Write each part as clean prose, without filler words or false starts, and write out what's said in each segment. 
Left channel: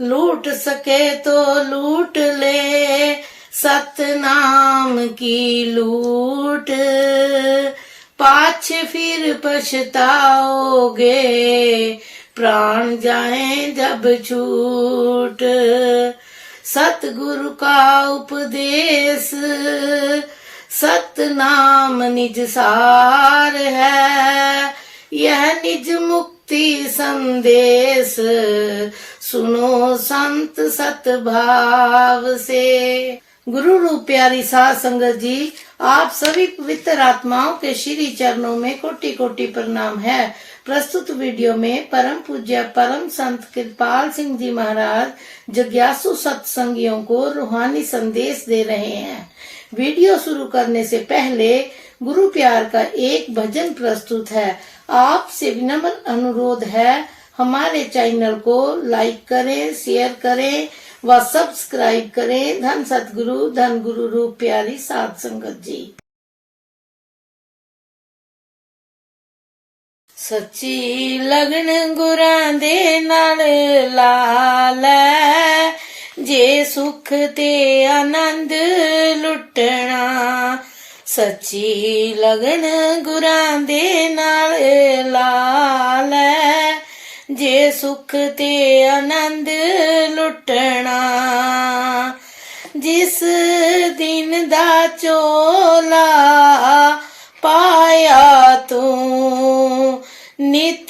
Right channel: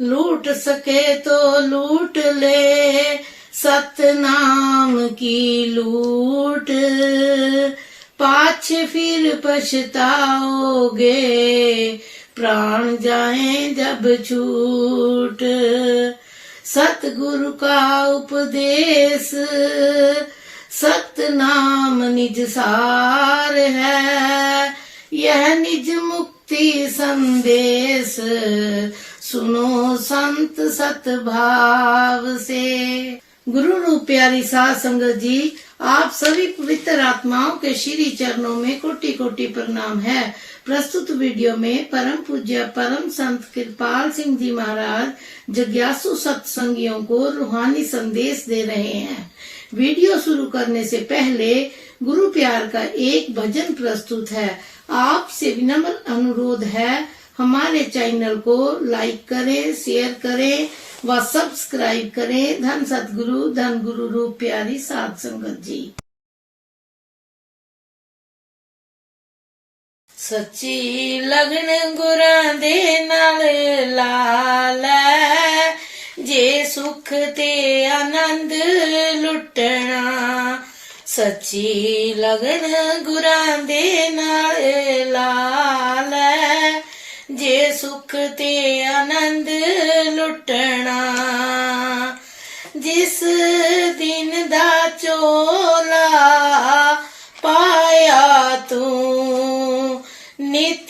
लूट सके तो लूट ले सतनाम की लूट, पाछे फिर पछताओगे प्राण जाए जब छूट। सतगुरु का उपदेश सतनाम निज सार है, यह निज मुक्ति संदेश सुनो संत सतभाव से। गुरु रूप प्यारी साध संगत जी, आप सभी पवित्र आत्माओं के श्री चरणों में कोटि कोटि प्रणाम है। प्रस्तुत वीडियो में परम पूज्य परम संत कृपाल सिंह जी महाराज जिज्ञासु सत्संगियों को रूहानी संदेश दे रहे हैं। वीडियो शुरू करने से पहले गुरु प्यार का एक भजन प्रस्तुत है। आपसे विनम्र अनुरोध है, हमारे चैनल को लाइक करें, शेयर करें व सब्सक्राइब करें। धन सतगुरु धन गुरु रूप प्यारी साध संगत जी। सच्ची लगन गुरां दे नाल लाल, जे सुख ते आनंद लुटना। सच्ची लगन गुरां दे नाल लाल, जे सुख ते आनंद लुटना। जिस दिन दा चोला पाया तू, नित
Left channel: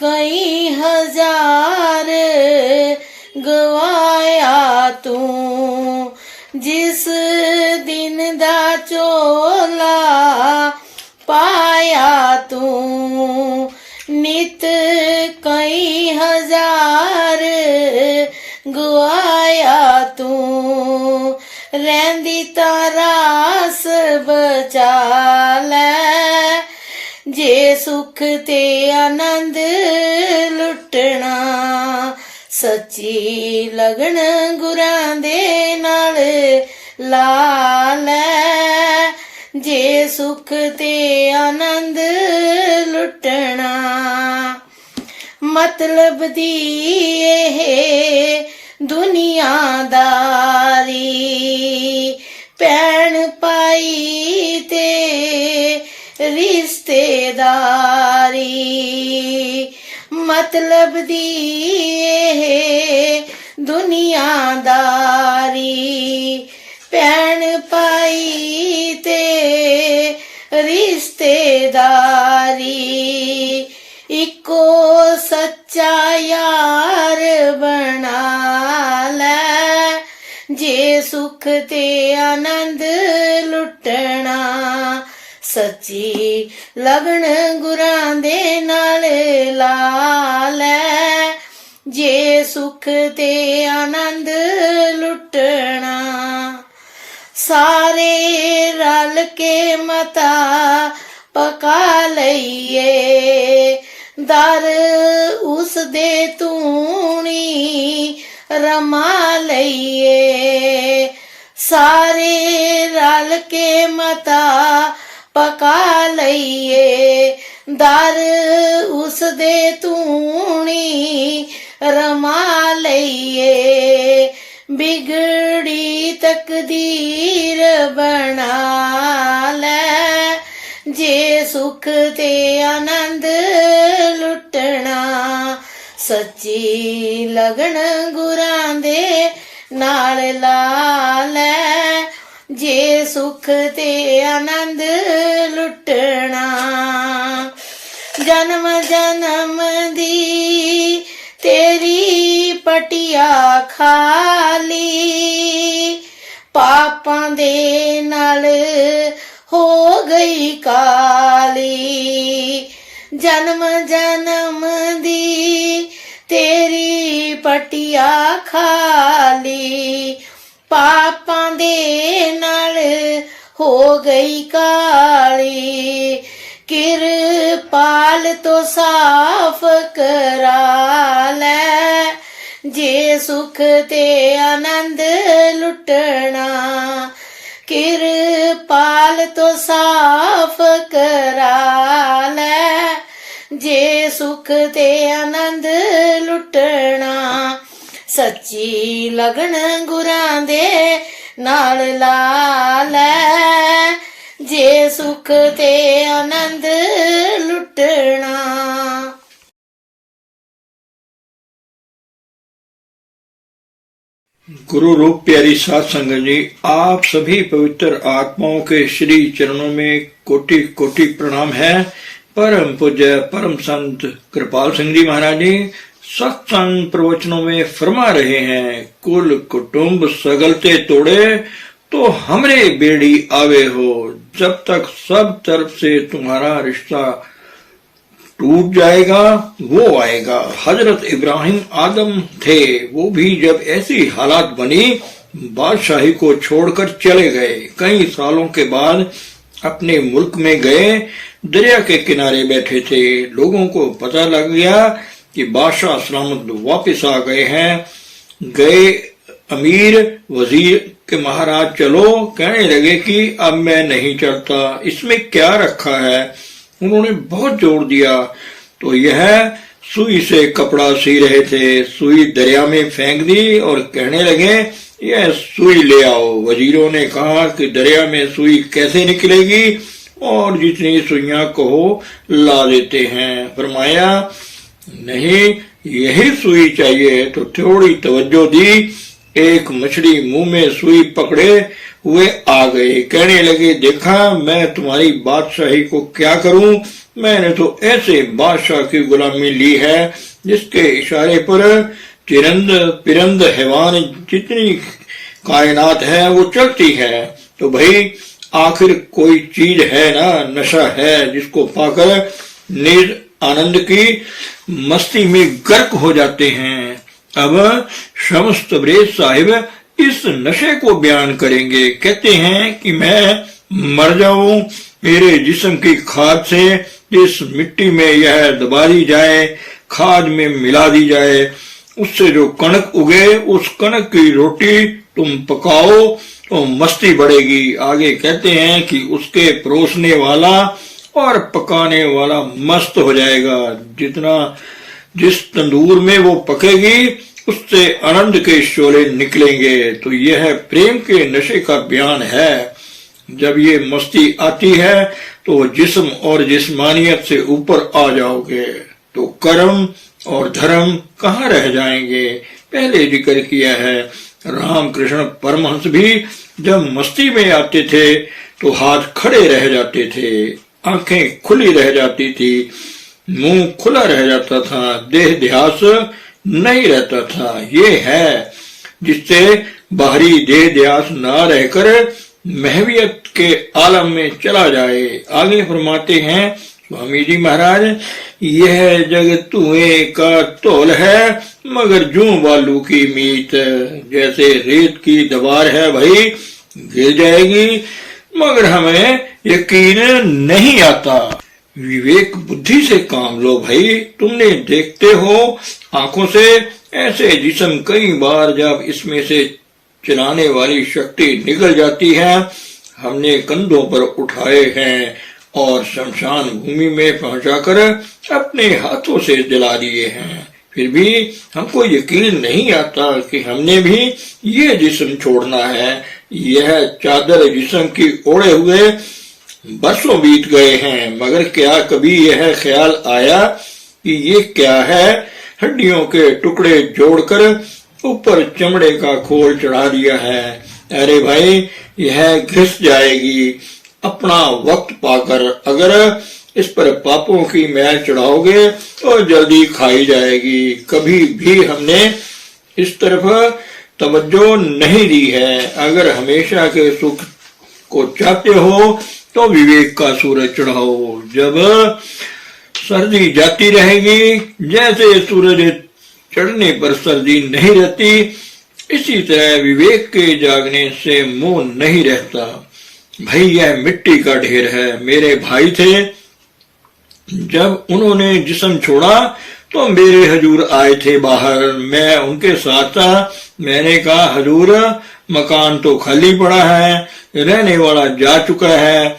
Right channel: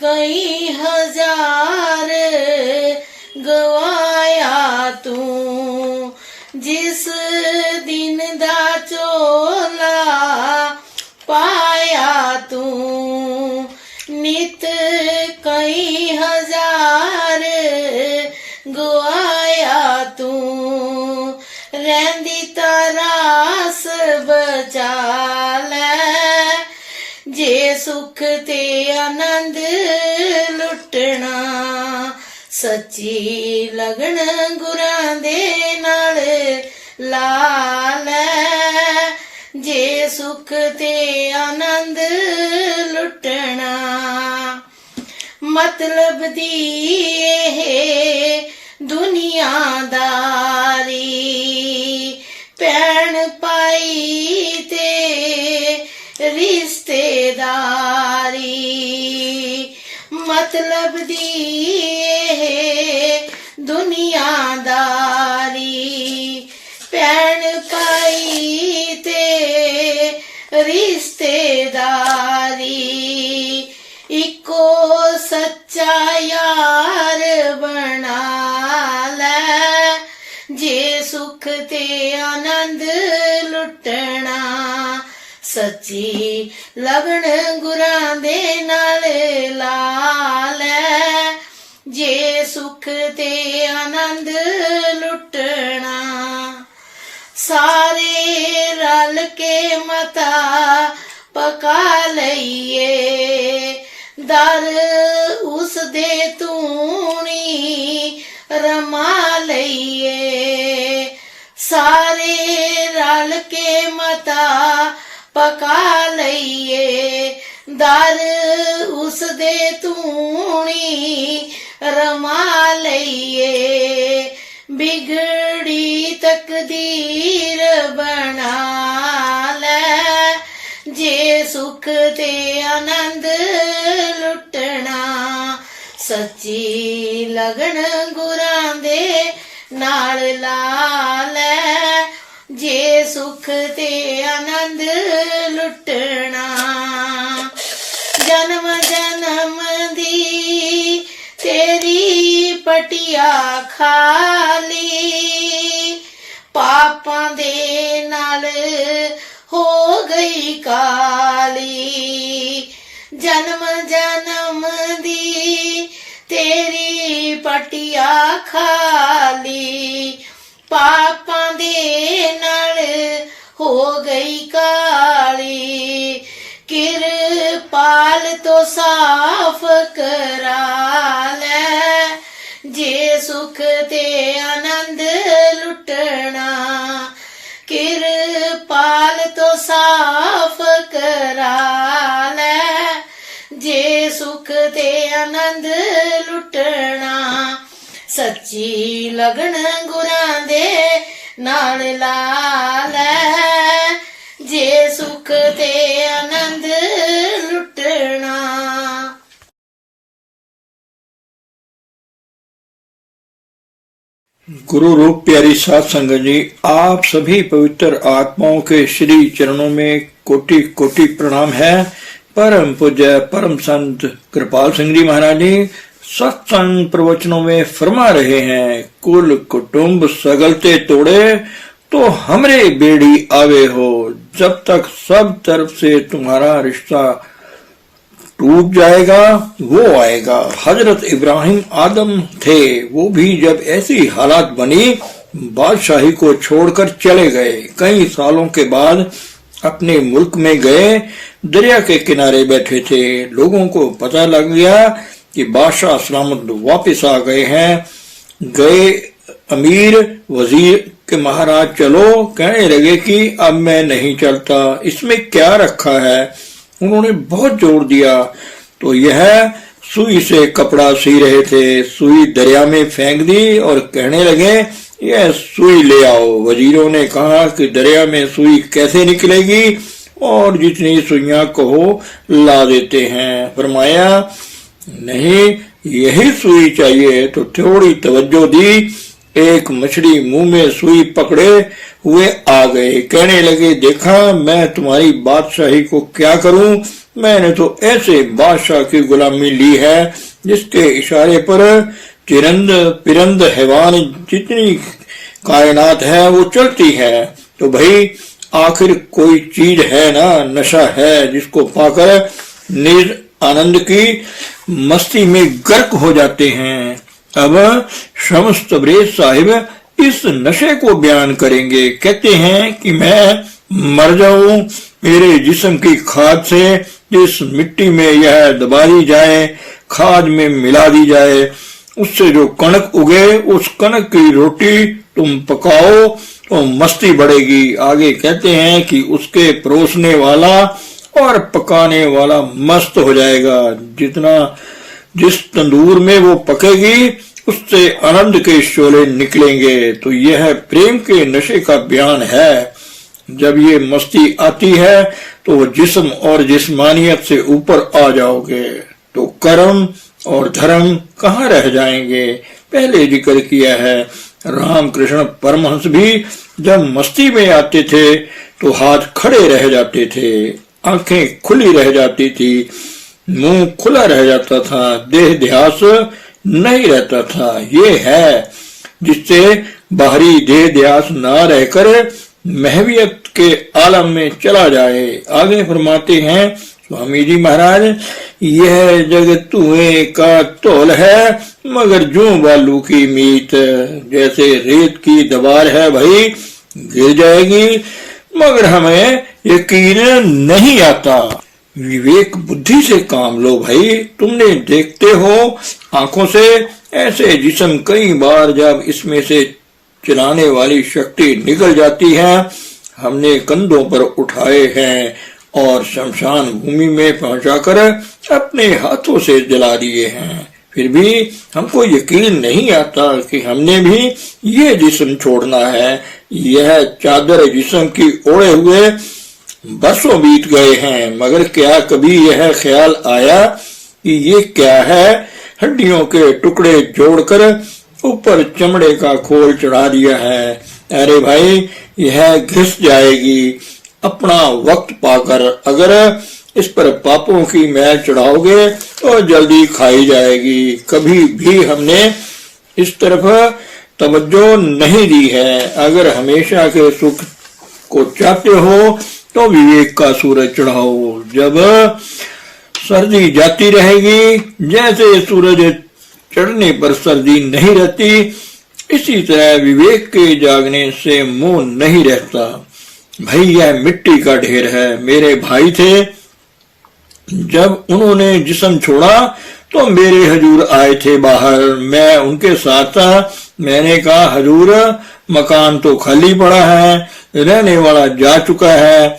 कई हजार गवाया तू। जिस दिन दा चोला पाया तू, नित कई हजार गवाया तू। रहंदी तारास बचा लै, जे सुख ते आनंद लुटना। सच्ची लगन गुरां दे नाल लाल, जे सुख ते आनंद लुटना। मतलब दी दुनियादारी, भैन भाई ते रिश्तेदारी। मतलब दी दुनियादारी, भैन भाई ते रिश्तेदारी। इको सच्चा यार बना लै, जे सुख ते आनंद लुटना। सच्ची लगन गुरां दे नाल लाल, जे सुख ते आनंद लुटना। सारे रल के मता पका लईए, दर उस दे तूणी रमा लईए। सारे रल के मता पका लईए, दर उस दे तूणी रमा लईए। बिगड़ी तकदीर बना लै, जे सुख ते आनंद लुटना। सच्ची लगन गुरां दे नाल लाल, जे सुख ते आनंद लुटना। जन्म जन्म दी तेरी पटिया खाली, पापां दे नाल हो गई काली। जन्म जन्म दी तेरी पटिया खाली, पापां दे नाल हो गई काली। किरपाल तो साफ करा लै, जे सुख ते आनंद लुटना। किरपाल तो साफ करा लै, जे सुख ते आनंद लुटना। ਸੱਚੀ ਲਗਨ ਗੁਰਾਂ ਦੇ ਨਾਲ ਲਾ ਲੈ, ਜੇ ਸੁਖ ਤੇ ਆਨੰਦ ਲੁੱਟਣਾ। गुरु रूप प्यारी साध संगत जी, आप सभी पवित्र आत्माओं के श्री चरणों में कोटि कोटि प्रणाम है। परम पूज्य परम संत कृपाल सिंह जी महाराज जी सत्संग प्रवचनों में फरमा रहे हैं, कुल कुटुंब सगलते तोड़े तो हमरे बेड़ी आवे हो, जब तक सब तरफ से तुम्हारा रिश्ता टूट जाएगा वो आएगा। हजरत इब्राहिम आदम थे, वो भी जब ऐसी हालात बनी बादशाही को छोड़कर चले गए। कई सालों के बाद अपने मुल्क में गए, दरिया के किनारे बैठे थे। लोगों को पता लग गया कि बादशाह सलामत वापस आ गए हैं। गए अमीर वजीर के महाराज चलो, कहने लगे कि अब मैं नहीं चलता, इसमें क्या रखा है। उन्होंने बहुत जोर दिया तो यह सुई से कपड़ा सी रहे थे, सुई दरिया में फेंक दी और कहने लगे यह सुई ले आओ। वजीरों ने कहा कि दरिया में सुई कैसे निकलेगी, और जितनी सुइयां कहो ला देते हैं। फरमाया नहीं, यही सुई चाहिए। तो थोड़ी तवज्जो दी, एक मछली मुंह में सुई पकड़े हुए आ गए। कहने लगे देखा मैं तुम्हारी बादशाही को क्या करूं, मैंने तो ऐसे बादशाह की गुलामी ली है जिसके इशारे पर चिरंद पिरंद हैवान जितनी कायनात है वो चलती है। तो भाई आखिर कोई चीज है ना, नशा है जिसको पाकर निज आनंद की मस्ती में गर्क हो जाते हैं। अब शम्स तबरेज साहिब इस नशे को बयान करेंगे। कहते हैं कि मैं मर जाऊं, मेरे जिस्म की खाद से जिस मिट्टी में यह दबा दी जाए, खाद में मिला दी जाए, उससे जो कणक उगे उस कणक की रोटी तुम पकाओ तो मस्ती बढ़ेगी। आगे कहते हैं कि उसके परोसने वाला और पकाने वाला मस्त हो जाएगा। जिस तंदूर में वो पकेगी उससे आनंद के शोले निकलेंगे। तो यह प्रेम के नशे का बयान है। जब ये मस्ती आती है तो जिस्म और जिस्मानियत से ऊपर आ जाओगे तो कर्म और धर्म कहाँ रह जाएंगे। पहले जिक्र किया है, रामकृष्ण परमहंस भी जब मस्ती में आते थे तो हाथ खड़े रह जाते थे, आंखें खुली रह जाती थी, मुंह खुला रह जाता था, देह ध्यास नहीं रहता था। ये है जिससे बाहरी देह ध्यास ना रहकर महवियत के आलम में चला जाए। आगे फरमाते हैं स्वामी जी महाराज, यह जग धुएं का तौल है मगर जूं बालू की मीत। जैसे रेत की दीवार है भाई, गिर जाएगी मगर हमें यकीन नहीं आता। विवेक बुद्धि से काम लो भाई। तुमने देखते हो आंखों से ऐसे जिस्म कई बार जब इसमें से चलाने वाली शक्ति निकल जाती है, हमने कंधों पर उठाए हैं और शमशान भूमि में पहुंचाकर अपने हाथों से जला दिए हैं। फिर भी हमको यकीन नहीं आता कि हमने भी ये जिस्म छोड़ना है। यह चादर जिस्म की ओढ़े हुए बरसों बीत गए हैं, मगर क्या कभी यह ख्याल आया कि ये क्या है, हड्डियों के टुकड़े जोड़कर ऊपर चमड़े का खोल चढ़ा दिया है। अरे भाई यह घिस जाएगी अपना वक्त पाकर। अगर इस पर पापों की मैल चढ़ाओगे तो जल्दी खाई जाएगी। कभी भी हमने इस तरफ तवज्जो नहीं दी है। अगर हमेशा के सुख को चाहते हो तो विवेक का सूरज चढ़ाओ। जब सर्दी जाती रहेगी, जैसे सूरज चढ़ने पर सर्दी नहीं रहती, इसी तरह विवेक के जागने से मोह नहीं रहता। भाई यह मिट्टी का ढेर है। मेरे भाई थे, जब उन्होंने जिस्म छोड़ा तो मेरे हजूर आए थे बाहर, मैं उनके साथ था। मैंने कहा हजूर मकान तो खाली पड़ा है, रहने वाला जा चुका है।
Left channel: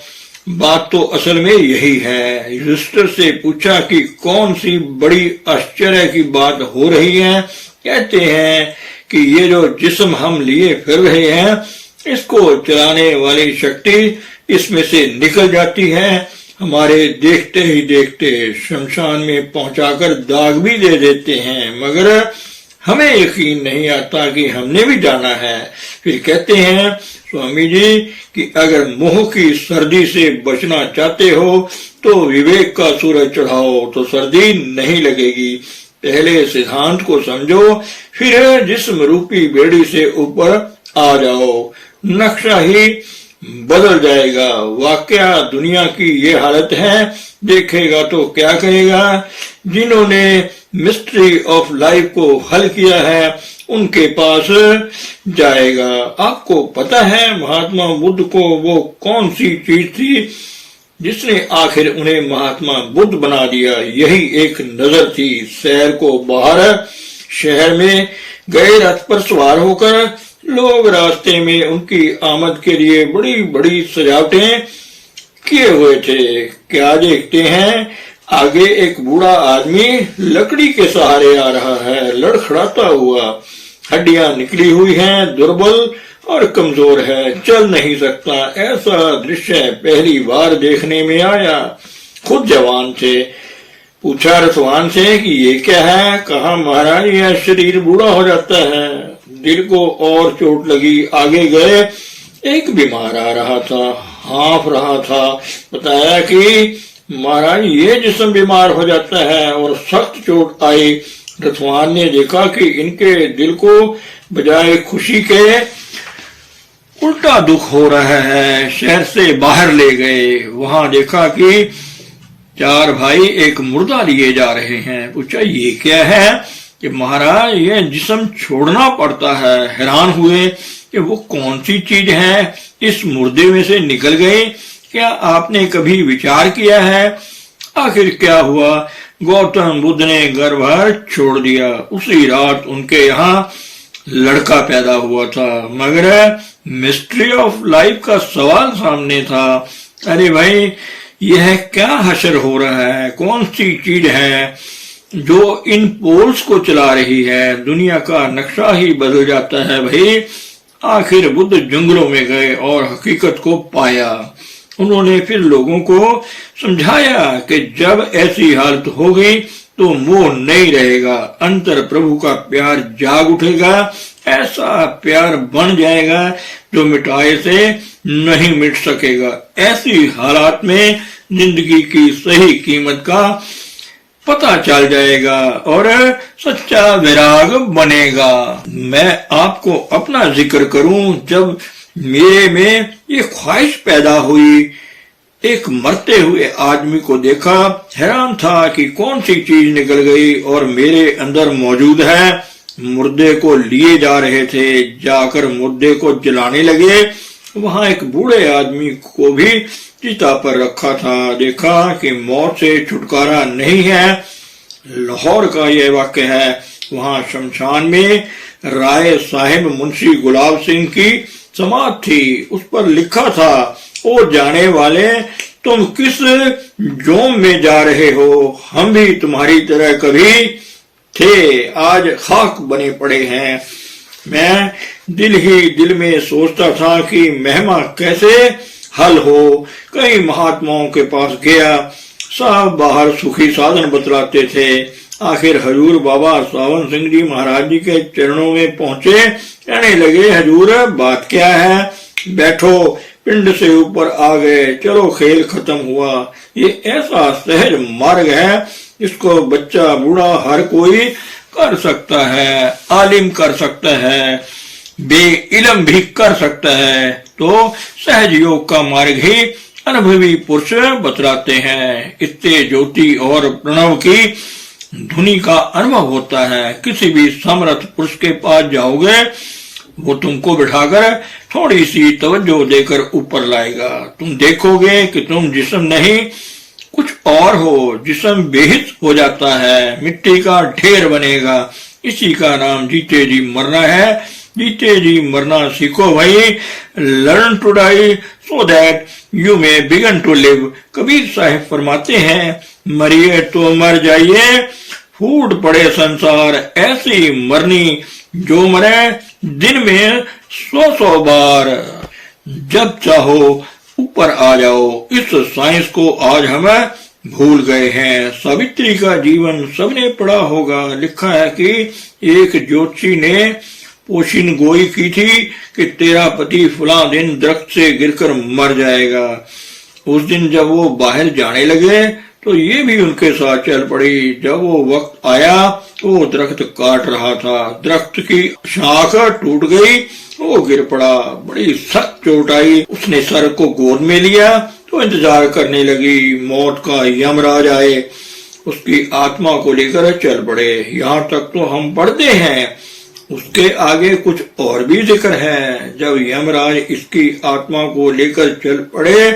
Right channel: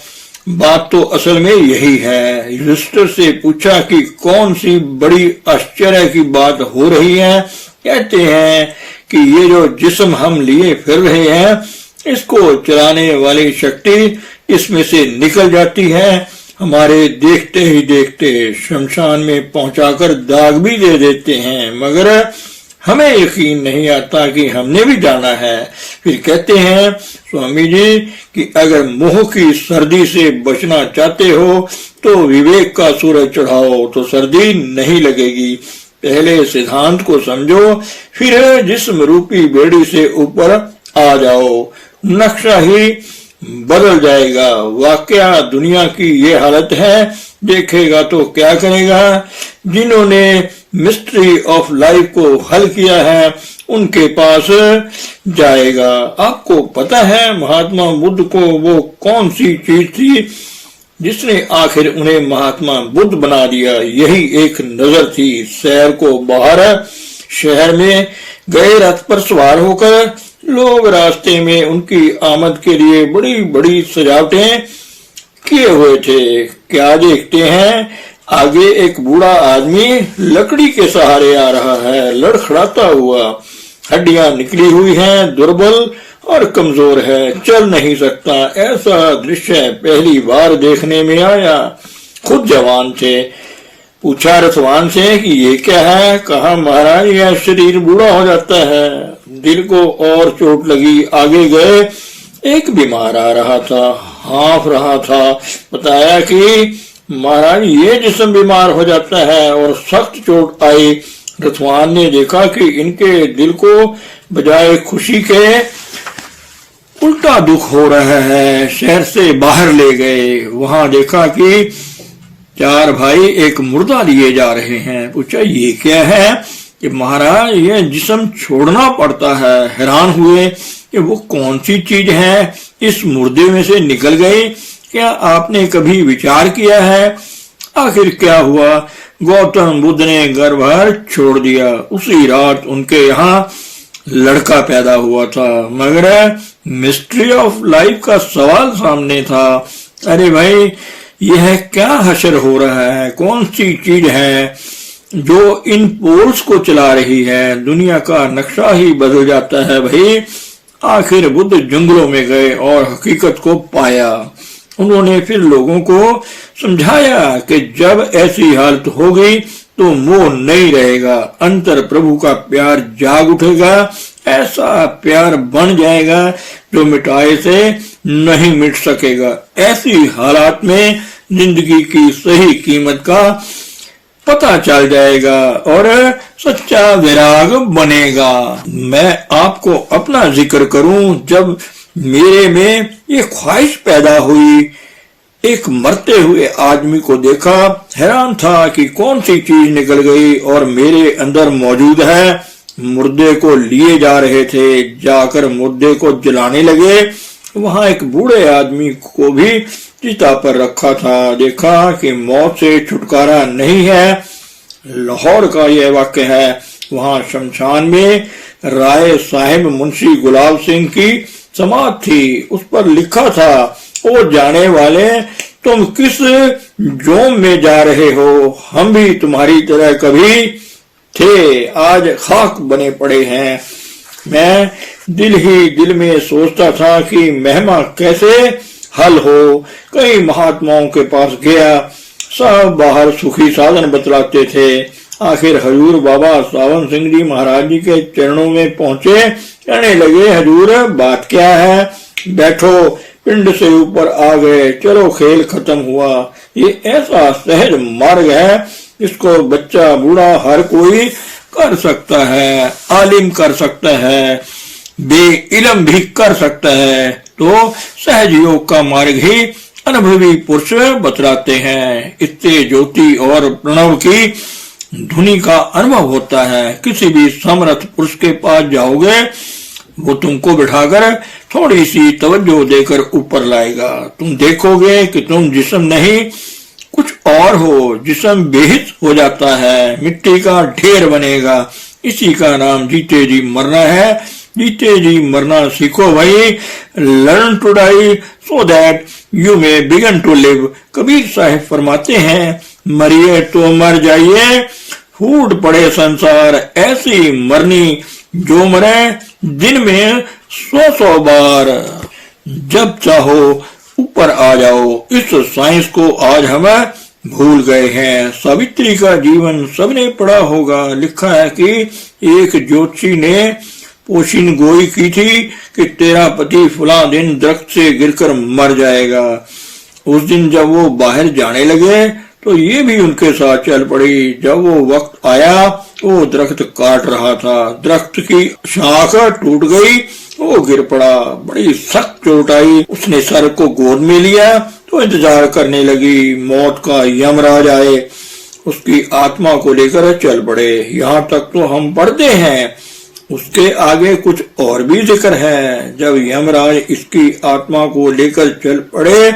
बात तो असल में यही है। युधिष्ठिर से पूछा कि कौन सी बड़ी आश्चर्य की बात हो रही है। कहते हैं कि ये जो जिस्म हम लिए फिर रहे हैं, इसको चलाने वाली शक्ति इसमें से निकल जाती है, हमारे देखते ही देखते शमशान में पहुंचाकर दाग भी दे देते हैं, मगर हमें यकीन नहीं आता कि हमने भी जाना है। फिर कहते हैं स्वामी जी कि अगर मोह की सर्दी से बचना चाहते हो तो विवेक का सूरज चढ़ाओ तो सर्दी नहीं लगेगी। पहले सिद्धांत को समझो, फिर जिस्म रूपी बेड़ी से ऊपर आ जाओ, नक्शा ही बदल जाएगा। वाकया दुनिया की ये हालत है, देखेगा तो क्या करेगा। जिन्होंने मिस्ट्री ऑफ लाइफ को हल किया है उनके पास जाएगा। आपको पता है महात्मा बुद्ध को वो कौन सी चीज थी जिसने आखिर उन्हें महात्मा बुद्ध बना दिया? यही एक नजर थी। शहर को बाहर शहर में गए रथ पर सवार होकर लोग रास्ते में उनकी आमद के लिए बड़ी बड़ी सजावटें किए हुए थे। क्या देखते हैं, आगे एक बूढ़ा आदमी लकड़ी के सहारे आ रहा है, लड़खड़ाता हुआ, हड्डियां निकली हुई हैं, दुर्बल और कमजोर है, चल नहीं सकता। ऐसा दृश्य पहली बार देखने में आया। खुद जवान थे। पूछा रथवान से कि ये क्या है? कहा महाराज यह शरीर बूढ़ा हो जाता है। दिल को और चोट लगी। आगे गए, एक बीमार आ रहा था, हाँफ रहा था। बताया कि महाराज ये जिस्म बीमार हो जाता है और सख्त चोट आई। रथवान ने देखा कि इनके दिल को बजाय खुशी के उल्टा दुख हो रहा है। शहर से बाहर ले गए। वहां देखा कि चार भाई एक मुर्दा लिए जा रहे हैं। पूछा ये क्या है? कि महाराज ये जिस्म छोड़ना पड़ता है। हैरान हुए कि वो कौन सी चीज है इस मुर्दे में से निकल गई। क्या आपने कभी विचार किया है? आखिर क्या हुआ? गौतम बुद्ध ने घर बार छोड़ दिया। उसी रात उनके यहाँ लड़का पैदा हुआ था, मगर मिस्ट्री ऑफ लाइफ का सवाल सामने था। अरे भाई यह क्या हशर हो रहा है? कौन सी चीज है जो इन पोल्स को चला रही है? दुनिया का नक्शा ही बदल जाता है भाई। आखिर बुद्ध जंगलों में गए और हकीकत को पाया। उन्होंने फिर लोगों को समझाया कि जब ऐसी हालत होगी तो मोह नहीं रहेगा, अंतर प्रभु का प्यार जाग उठेगा, ऐसा प्यार बन जाएगा जो मिटाए से नहीं मिट सकेगा। ऐसी हालात में जिंदगी की सही कीमत का पता चल जाएगा और सच्चा विराग बनेगा। मैं आपको अपना जिक्र करूं, जब मेरे में ये ख्वाहिश पैदा हुई, एक मरते हुए आदमी को देखा, हैरान था कि कौन सी चीज निकल गई और मेरे अंदर मौजूद है। मुर्दे को लिए जा रहे थे, जाकर मुर्दे को जलाने लगे। वहां एक बूढ़े आदमी को भी चिता पर रखा था। देखा कि मौत से छुटकारा नहीं है। लाहौर का यह वाक्य है। वहां शमशान में राय साहिब मुंशी गुलाब सिंह की समाधि थी। उस पर लिखा था, ओ जाने वाले तुम किस जोम में जा रहे हो? हम भी तुम्हारी तरह कभी थे, आज खाक बने पड़े हैं। मैं दिल ही दिल में सोचता था कि महिमा कैसे हल हो। कई महात्माओं के पास गया, सब बाहर सुखी साधन बतलाते थे। आखिर हजूर बाबा सावन सिंह जी महाराज जी के चरणों में पहुंचे। कहने लगे, हजूर बात क्या है? बैठो। पिंड से ऊपर आ गए। चलो खेल खत्म हुआ। ये ऐसा सहज मार्ग है इसको बच्चा बूढ़ा हर कोई कर सकता है, आलिम कर सकता है, बेइल्म भी कर सकता है। तो सहज योग का मार्ग ही अनुभवी पुरुष बतलाते हैं। इससे ज्योति और प्रणव की धुनी का अनुभव होता है। किसी भी समर्थ पुरुष के पास जाओगे, वो तुमको बिठाकर थोड़ी सी तवज्जो देकर ऊपर लाएगा। तुम देखोगे कि तुम जिस्म नहीं कुछ और हो। जिस्म बेहिस हो जाता है, मिट्टी का ढेर बनेगा। इसी का नाम जीते जी मरना है। जीते जी मरना सीखो भाई। Learn to die so that you may begin to live. Kabir Sahib फरमाते हैं, मरिए तो मर जाइए, फूट पड़े संसार ऐसी मरनी जो मरे दिन में 100 बार, जब चाहो ऊपर आ जाओ। इस साइंस को आज हम भूल गए हैं। सावित्री का जीवन सबने पढ़ा होगा। लिखा है कि एक ज्योतिषी ने पोशिन गोई की थी कि तेरा पति फला दिन दरख्त से गिरकर मर जाएगा। उस दिन जब वो बाहर जाने लगे तो ये भी उनके साथ चल पड़ी। जब वो वक्त आया तो वो दरख्त काट रहा था, दरख्त की शाख टूट गई, वो गिर पड़ा, बड़ी सख्त चोट आई। उसने सर को गोद में लिया तो इंतजार करने लगी मौत का यमराज आए, उसकी आत्मा को लेकर चल पड़े। यहाँ तक तो हम पढ़ते हैं, उसके आगे कुछ और भी जिक्र है। जब यमराज इसकी आत्मा को लेकर चल पड़े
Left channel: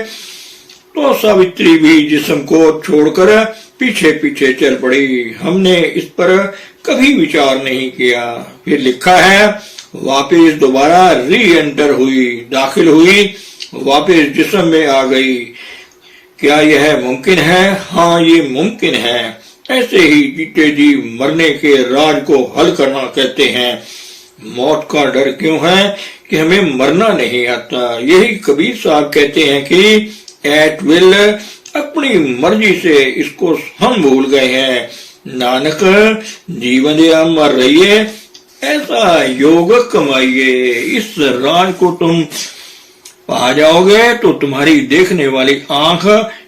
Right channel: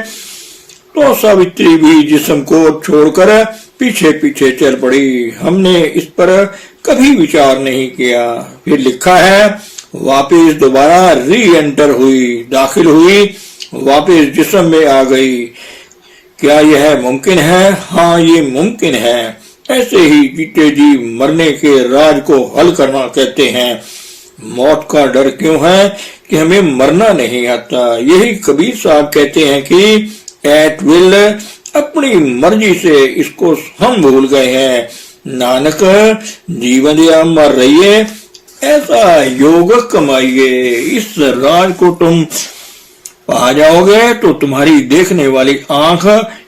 तो सावित्री भी जिस्म को छोड़कर पीछे पीछे चल पड़ी। हमने इस पर कभी विचार नहीं किया। फिर लिखा है वापिस दोबारा री एंटर हुई, दाखिल हुई, वापिस जिस्म में आ गई। क्या यह मुमकिन है? हाँ, ये मुमकिन है। ऐसे ही जीते जी मरने के राज को हल करना कहते हैं। मौत का डर क्यों है कि हमें मरना नहीं आता। यही कबीर साहब कहते हैं कि एट विल, अपनी मर्जी से इसको हम भूल गए हैं। नानक, जीवन दिया मर रहिए, ऐसा योग कमाइए। इस राज को तुम पा जाओगे तो तुम्हारी देखने वाली आंख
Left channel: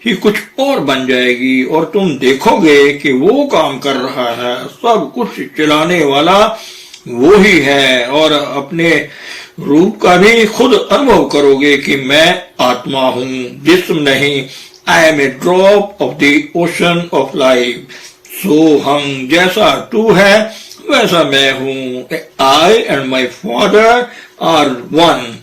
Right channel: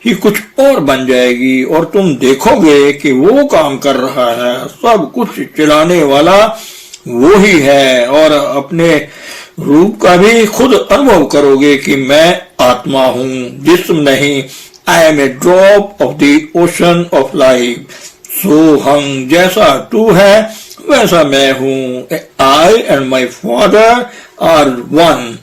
ही कुछ और बन जाएगी और तुम देखोगे कि वो काम कर रहा है, सब कुछ चलाने वाला वो ही है। और अपने रूप का भी खुद अनुभव करोगे कि मैं आत्मा हूँ, जिस्म नहीं। I am a drop of the ocean of life. So हम जैसा तू है वैसा मैं हूँ। I and my father are one.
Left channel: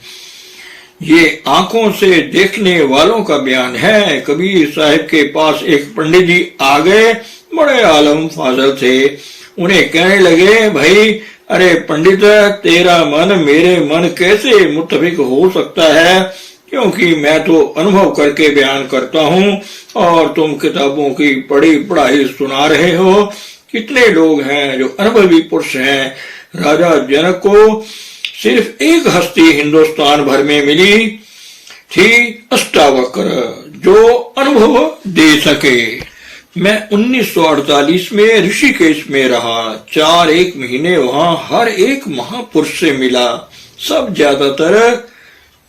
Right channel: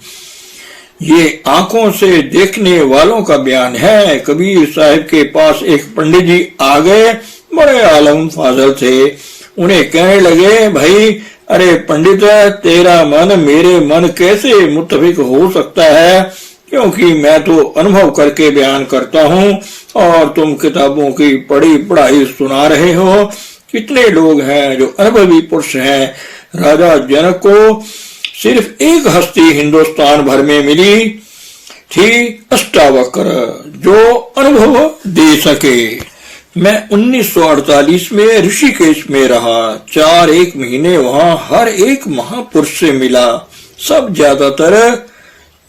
ये आंखों से देखने वालों का बयान है। कबीर साहब के पास एक पंडित जी आ गए, बड़े आलम फाजल थे। उन्हें कहने लगे, भाई अरे पंडित, तेरा मन मेरे मन कैसे मुत्तफिक हो सकता है, क्योंकि मैं तो अनुभव करके बयान करता हूँ और तुम किताबों की पढ़ी पढ़ाई सुना रहे हो। कितने लोग हैं जो अनुभवी पुरुष हैं। राजा जनक को सिर्फ एक हस्ती हिंदुस्तान भर में मिली थी, अष्टावक्र, जो अनुभव दे सके। मैं 1948 में ऋषिकेश में रहा। 4 महीने वहां हर एक महापुरुष से मिला। सब ज्यादातर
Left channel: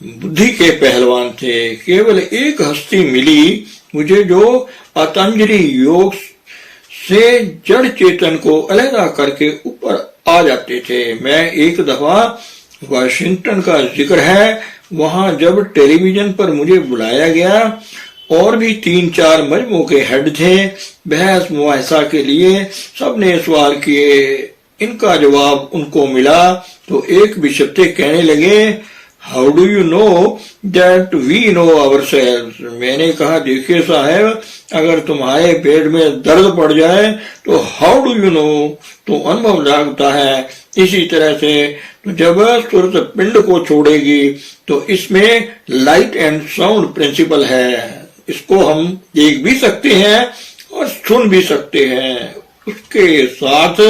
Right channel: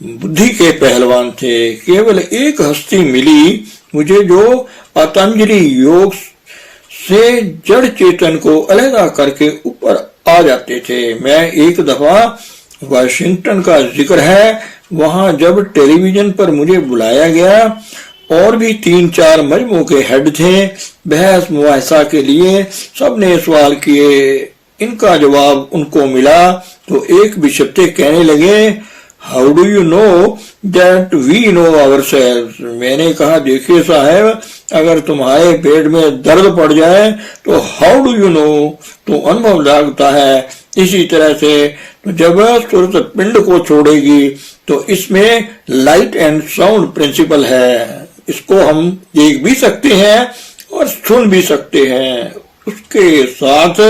बुद्धि के पहलवान थे। केवल एक हस्ती मिली मुझे जो पतंजलि योग से जड़ चेतन को अलग करके ऊपर आ जाते थे। मैं एक दफा वाशिंगटन का जिक्र है, वहां जब टेलीविजन पर मुझे बुलाया गया और भी 3-4 मजमों के हेड थे, बहस मुआहसा के लिए सबने सवाल किए। इनका जवाब उनको मिला तो एक बिशप्ते कहने लगे, how do you know that we know ourselves. मैंने कहा, देखिए साहब, अगर तुम्हारे पेट में दर्द पड़ जाए तो हाउ डू यू नो, तो अनुभव लगता है। इसी तरह से जब सूरत पिंड को छोड़ेगी तो इसमें लाइट एंड साउंड प्रिंसिपल है। इसको हम देख भी सकते हैं और सुन भी सकते हैं। उसके साथ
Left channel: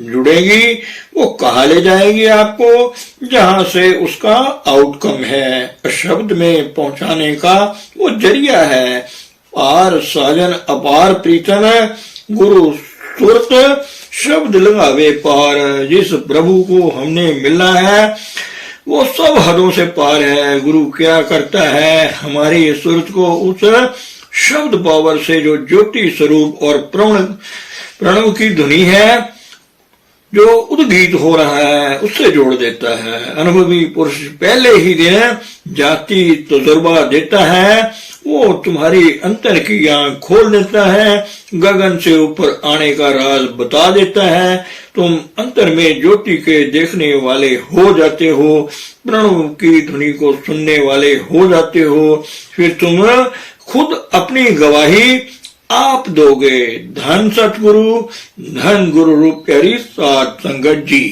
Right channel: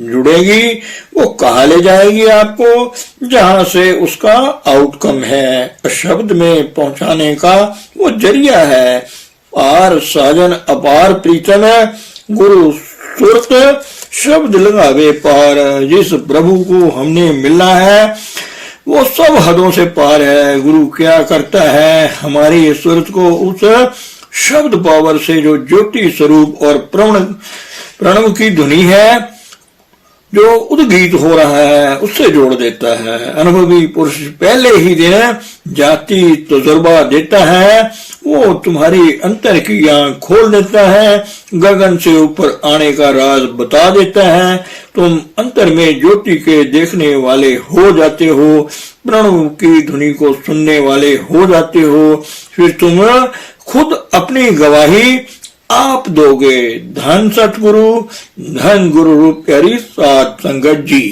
जुड़ेगी, वो कहाँ ले जाएगी आपको, जहां से उसका आउटकम है। शब्द में पहुंचाने का वो जरिया है। पार साजन अपार प्रीतम है, गुरु सुरत शब्द लगावे पार। जिस प्रभु को हमने मिलना है वो सब हदों से पार है। गुरु क्या करता है, हमारी सूरत को उस शब्द पावर से जो ज्योति स्वरूप और प्रणव की ध्वनि है, जो उद्गीत हो रहा है, उससे जोड़ देता है। अनुभवी पुरुष पहले ही दिन जाति तजुर्बा देता है। वो तुम्हारी अंतर की आंख खोल देता है, गगन से ऊपर आने का राज बता देता है। तुम अंतर में ज्योति के देखने वाले हो जाते हो, प्रणव की ध्वनि को सुनने वाले हो जाते हो। फिर तुम खुद अपनी गवाही आप दोगे। धन सतगुरु, धन गुरु रूप प्यारी साध संगत जी।